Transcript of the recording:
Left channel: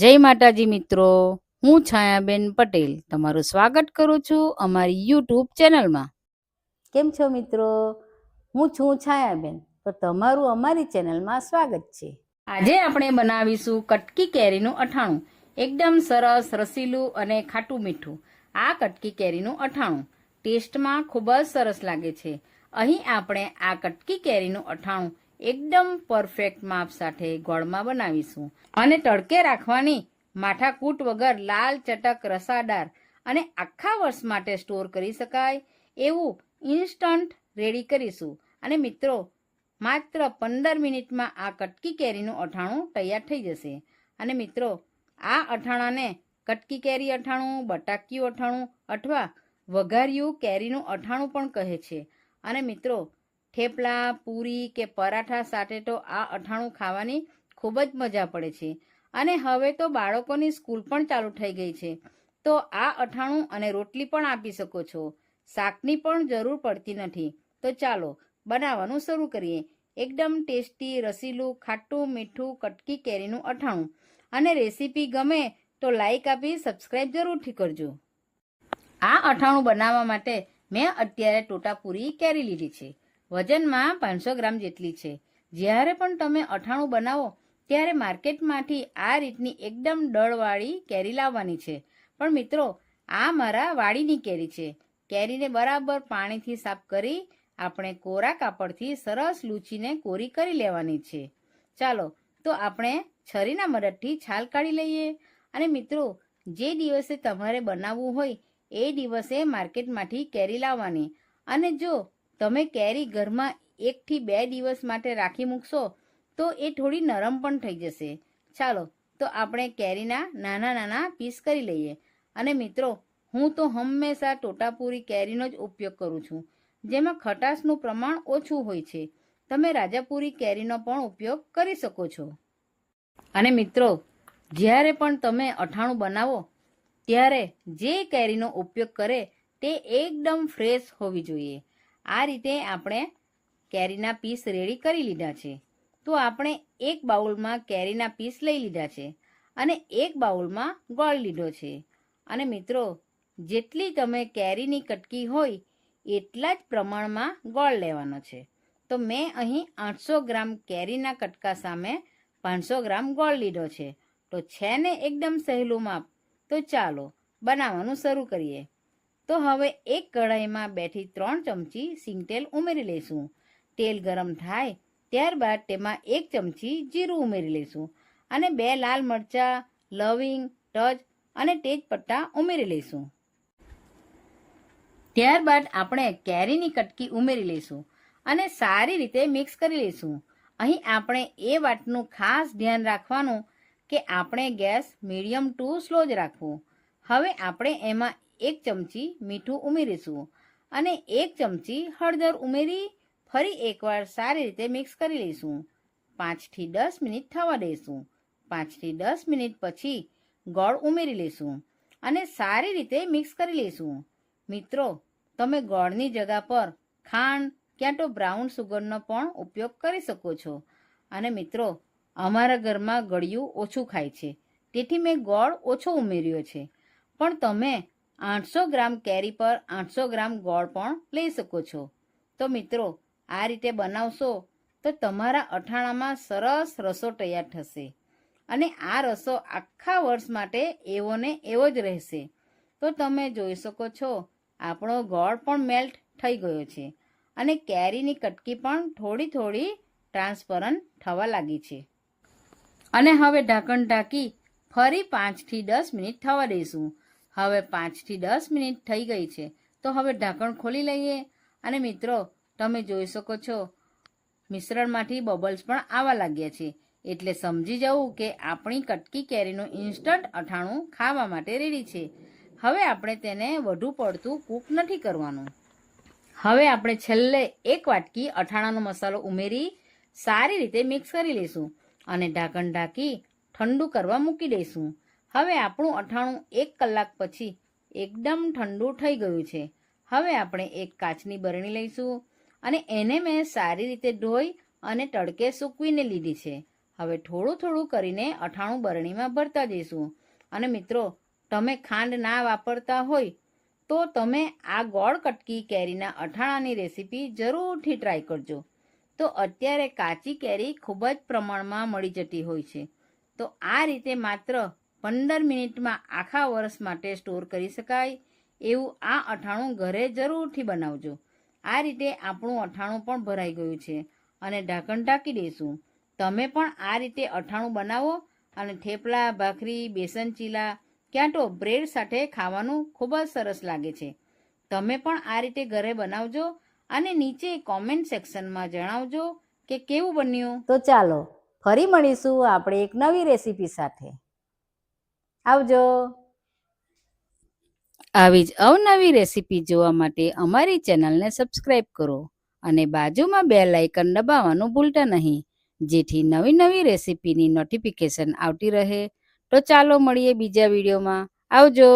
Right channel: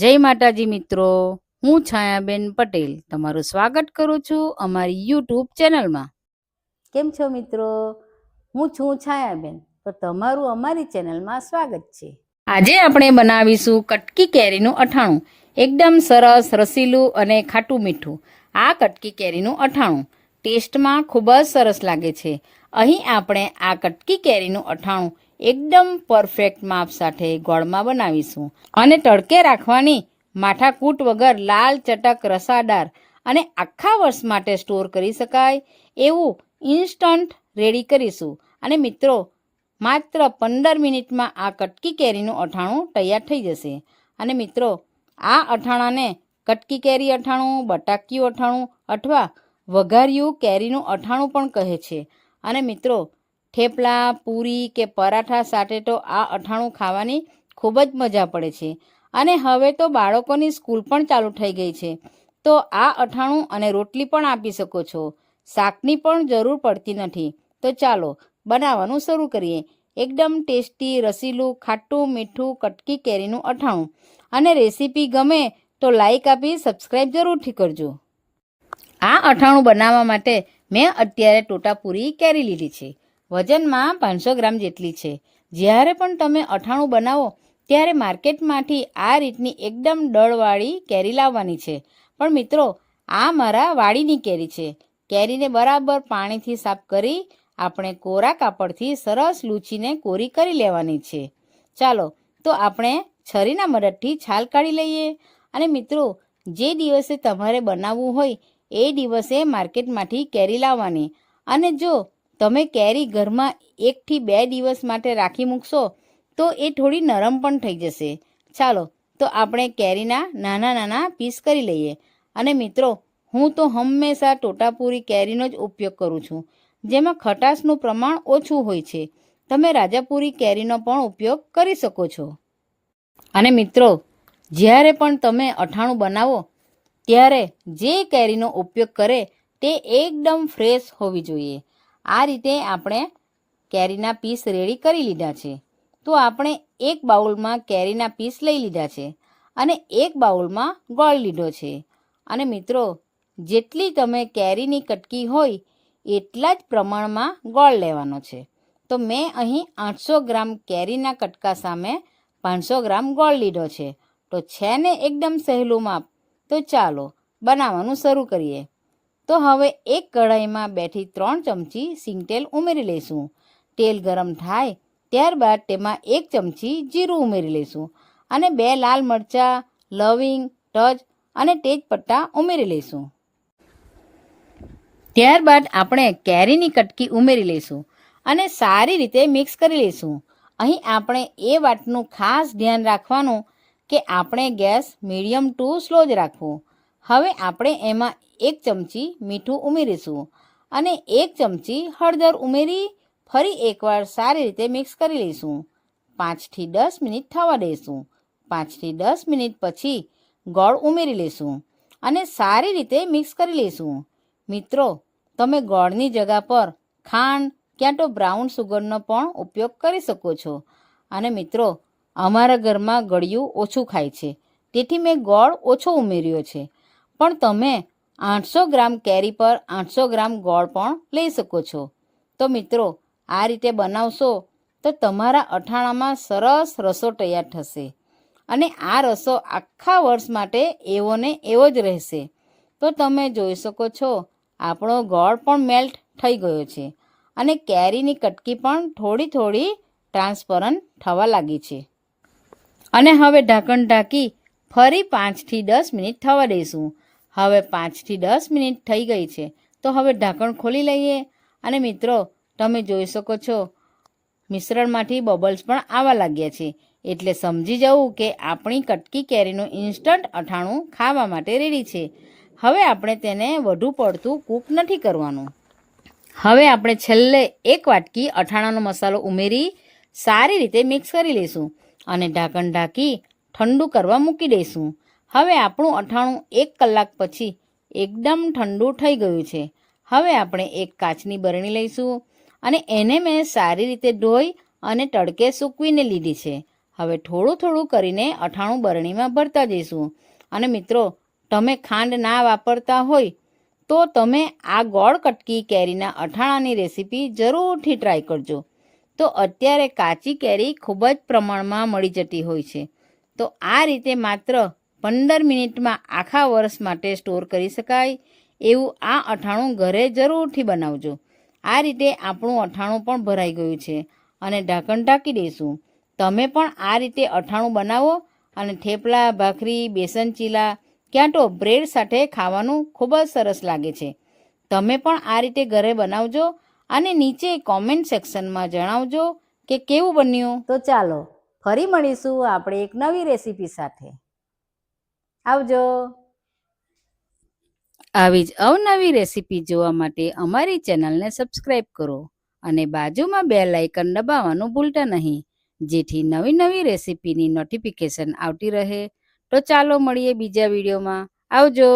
જય માતાજી મિત્રો, હું છાયાબેન પટેલ તમારું સ્વાગત કરું છું અમારી યુટ્યુબ ચેનલમાં. કેમ છો મિત્રો? હું છું છાયાબેન, તો તમારું અમારી ચેનલમાં સ્વાગત છે. આજે આપણે બનાવીશું કટકી કેરીનું અઠાણું. એકદમ સરસ, રસીલું અને ખાટું મીઠું આ કટકી કેરીનું અઠાણું ટેસ્ટમાં ખૂબ જ સરસ લાગે છે. અહીં આપણે આ કટકી કેરીનું અઠાણું એકદમ પરફેક્ટ માપ સાથે ગોળમાં બનાવીશું અને તડકે રાખવાની માથાકૂટ વગર લાલ ચટક રસાદાર અને આખા વર્ષ માટે સ્ટોર કરી શકાય એવું ઇન્સ્ટન્ટ રેડી કરીશું. અને મિત્રો, માત્ર 15 મિનિટમાં આ કટકી કેરીનું અઠાણું તૈયાર થઈ જશે. અને મિત્રો, આ અઠાણાને કટકી કેરી અઠાણું, બટાક્યું અઠાણું અથવા વઘાર્યું કેરીનું અઠાણું પણ કહે છે. અને મિત્રો, થેપલા, પૂરી કે પરાઠા સાથે તો આ અઠાણું ખાવાની ખૂબ જ મજા પડે છે. અને હવે તો બાળકોની સ્કૂલ પણ ચાલુ થઈ ગઈ છે, તો આ અઠાણું અને રોટલી પણ આપી શકો છો. શાકની પણ જરૂર પડતી નથી. તો ચાલો બનાવવાનું શરૂ કરીએ. એકદમ ટેસ્ટી, રસીલું, ખાટું મીઠું કટકી કેરીનું અઠાણું. અને રેસીપી ગમે તો લાઈક આપી સબસ્ક્રાઈબ જરૂરથી કરજો. આ અઠાણું બનાવવા માટે મેં અત્યારે ટોટાપુરી કેરી લીધી છે. વજનમાં 500 ગ્રામ જેટલી છે. જ્યારે પણ તમે અઠાણું બનાવો ત્યારે માર્કેટમાંથી આ રીતની એકદમ દળવાળી કેરી લાવવાની છે. પણ મિત્રો, આ મારા વાડીની કેરી છે. કેરીને બરાબર પાણીથી સાફ કરી આપણે કોરા કાપડથી સરસ લૂછીને કોરી કરી લેવાની છે. ચાલો તો આપણે છરીના મદદથી છાલ કાઢી લઈએ. અને મિત્રો, જે દિવસે તમારે બનાવવું હોય એ દિવસે માર્કેટમાંથી કેરી લાવવાની. અને જો તમે કેરી ઘરમાં 1 થી 2 દિવસ માટે રાખી મૂકશો તો એ થોડી નરમ પણ થઈ જશે. ચાલો તો આપણે કેરીના નાના નાના પીસ કરી લઈએ. અને મિત્રો, હું તો હંમેશા ટોટાપુરી કેરીનો જ ઉપયોગ કરું છું, જેમાં ખટાશનું પ્રમાણ ઓછું હોય છે. તમે રાજાપુરી કેરીનો પણ ઉપયોગ કરી શકો છો. અને મિત્રો, જ્યારે પણ તમે અઠાણું બનાવો ત્યારે જે કેરીનો ઉપયોગ કરે તે એકદમ ફ્રેશ હોવી જોઈએ. આ રીતે આપણે કેરીના પીસ રેડી કરી લીધા છે. તો આપણે એક બાઉલમાં કેરીના પીસ લઈ લીધા છે અને એક બાઉલમાં ગોળ લીધો છે. અને મિત્રો, જેટલી તમે કેરીની કટકી હોય એટલા જ પ્રમાણમાં ગોળ લેવાનો છે. તો મેં અહીં 800 ગ્રામ કેરીના કટકા સામે 500 ગ્રામ ગોળ લીધો છે. તો છે ને એકદમ સહેલું માપ. તો ચાલો બનાવવાનું શરૂ કરીએ. તો હવે એક કઢાઈમાં 2 થી 3 ચમચી સિંગતેલ ઉમેરી લઈશું. તેલ ગરમ થાય ત્યારબાદ તેમાં 1 ચમચી જીરું ઉમેરી લઈશું અને 2 લાલ મરચાં, લવિંગ, તજ અને તેજપત્તા ઉમેરી લઈશું. ત્યારબાદ આપણે કેરીની કટકી ઉમેરી લઈશું અને સારી રીતે મિક્સ કરી લઈશું. અહીં આપણે એ વાતનું ખાસ ધ્યાન રાખવાનું કે આપણે ગેસ મીડિયમ ટુ સ્લો જ રાખવું. હવે આપણે એમાં 1 ચમચી મીઠું ઉમેરીશું અને 1 ચમચી હળદર ઉમેરી ફરી એકવાર સારી રીતે મિક્સ કરી લઈશું. 5 થી 10 મિનિટ થવા દઈશું. 5 થી 10 મિનિટ પછી ગોળ ઉમેરી લઈશું અને સારી રીતે મિક્સ કરી લઈશું. મિત્રો, તમે ગોળની જગ્યા પર ખાંડ ક્યાં તો બ્રાઉન સુગરનો પણ ઉપયોગ કરી શકો છો. અને મિત્રો, અમારા ઘરમાં ગળ્યું ઓછું ખાય છે, તેથી મેં ગોળ ઓછો ઉમેર્યો છે. પણ તમે 800 ગ્રામ કેરી પર 800 ગ્રામ ગોળ પણ લઈ શકો છો. તો મિત્રો, આ રીતે બનાવશો તો તમારા અઠાણામાં સરસ રસો તૈયાર થશે અને આ રસો આખા વર્ષ માટે એવો ને એવો જ રહેશે. તો તમે જોઈ શકો છો આપણો ગોળ પણ મેલ્ટ થઈ ગયો છે અને કેરીની કટકી પણ થોડી થોડી ટ્રાન્સપરન્ટ થવા લાગી છે. અને હવે ઢાંકણ ઢાંકી ફરી 5 થી 10 મિનિટ થવા દઈશું. હવે 5 થી 10 મિનિટ થઈ ગઈ છે, તો હવે ઢાંકણ ખોલી લઈએ. અને મિત્રો, તમે જોઈ શકો છો મિશ્રણમાંથી બબલ્સ પણ આવવા લાગ્યા છે, એટલે સમજી જવું કે આપણી કટકી કેરીનું ઇન્સ્ટન્ટ અઠાણું ખાવા માટે રેડી છે. હવે આપણે તેને વધુ પડતું કૂક નથી કરવાનું. હવે આપણે છેલ્લે 1 વાટકી અઠાણાનો મસાલો ઉમેરી સારી રીતે મિક્સ કરી લઈશું અને ઢાંકણ ઢાંકી ઠંડુ કરવા મૂકી દઈશું. હવે આપણું અઠાણું 1 કલાક પછી એકદમ ઠંડુ થઈ ગયું છે. હવે આપણે એક કાચની બરણી લઈશું અને એને મેં સારી રીતે ધોઈ અને તડકે સૂકવીને લીધી છે. હવે થોડું થોડું કરીને અથાણું બરણીમાં ભરતા જઈશું. અને મિત્રો, તમે ખાંડ ના વાપરતા હોય તો તમે આ ગોળ કટકી કેરીના અથાણાની રેસીપી જરૂરથી ટ્રાય કરજો. તો અત્યારે કાચી કેરી ખૂબ જ પ્રમાણમાં મળી જતી હોય છે. તો આ રીતે માત્ર 15 મિનિટમાં આખા વર્ષ માટે સ્ટોર કરી શકાય એવું આ અથાણું ઘરે જરૂરથી બનાવજો. આ રીતે આપણું અથાણું પણ ભરાઈ ગયું છે અને ઢાંકણ ઢાંકી દઈશું. તમે પણ આ રીતે અથાણું બનાવો અને થેપલા, ભાખરી, બેસન ચીલા ક્યાં તો બ્રેડ સાથે ખાવાનું ખૂબ જ સરસ લાગે છે. તમે પણ આ રીતે ઘરે બનાવજો અને નીચે કોમેન્ટ સેક્શનમાં જણાવજો કે કેવું બન્યું. તો ચાલો ફરી મળીશું આપણે એક નવી રેસીપી સાથે. આવજો. આવી જ અવનવી રેસીપી જોવા માટે અમારી ચેનલને સબસ્ક્રાઈબ કરો અને બાજુમાં બેલ આઇકન દબાવવાનું ભૂલતા નહીં, જેથી નવી નવી રેસીપીની નોટિફિકેશન આવતી રહે. તો ચાલો મળીએ બીજા વિડીયોમાં. આવજો.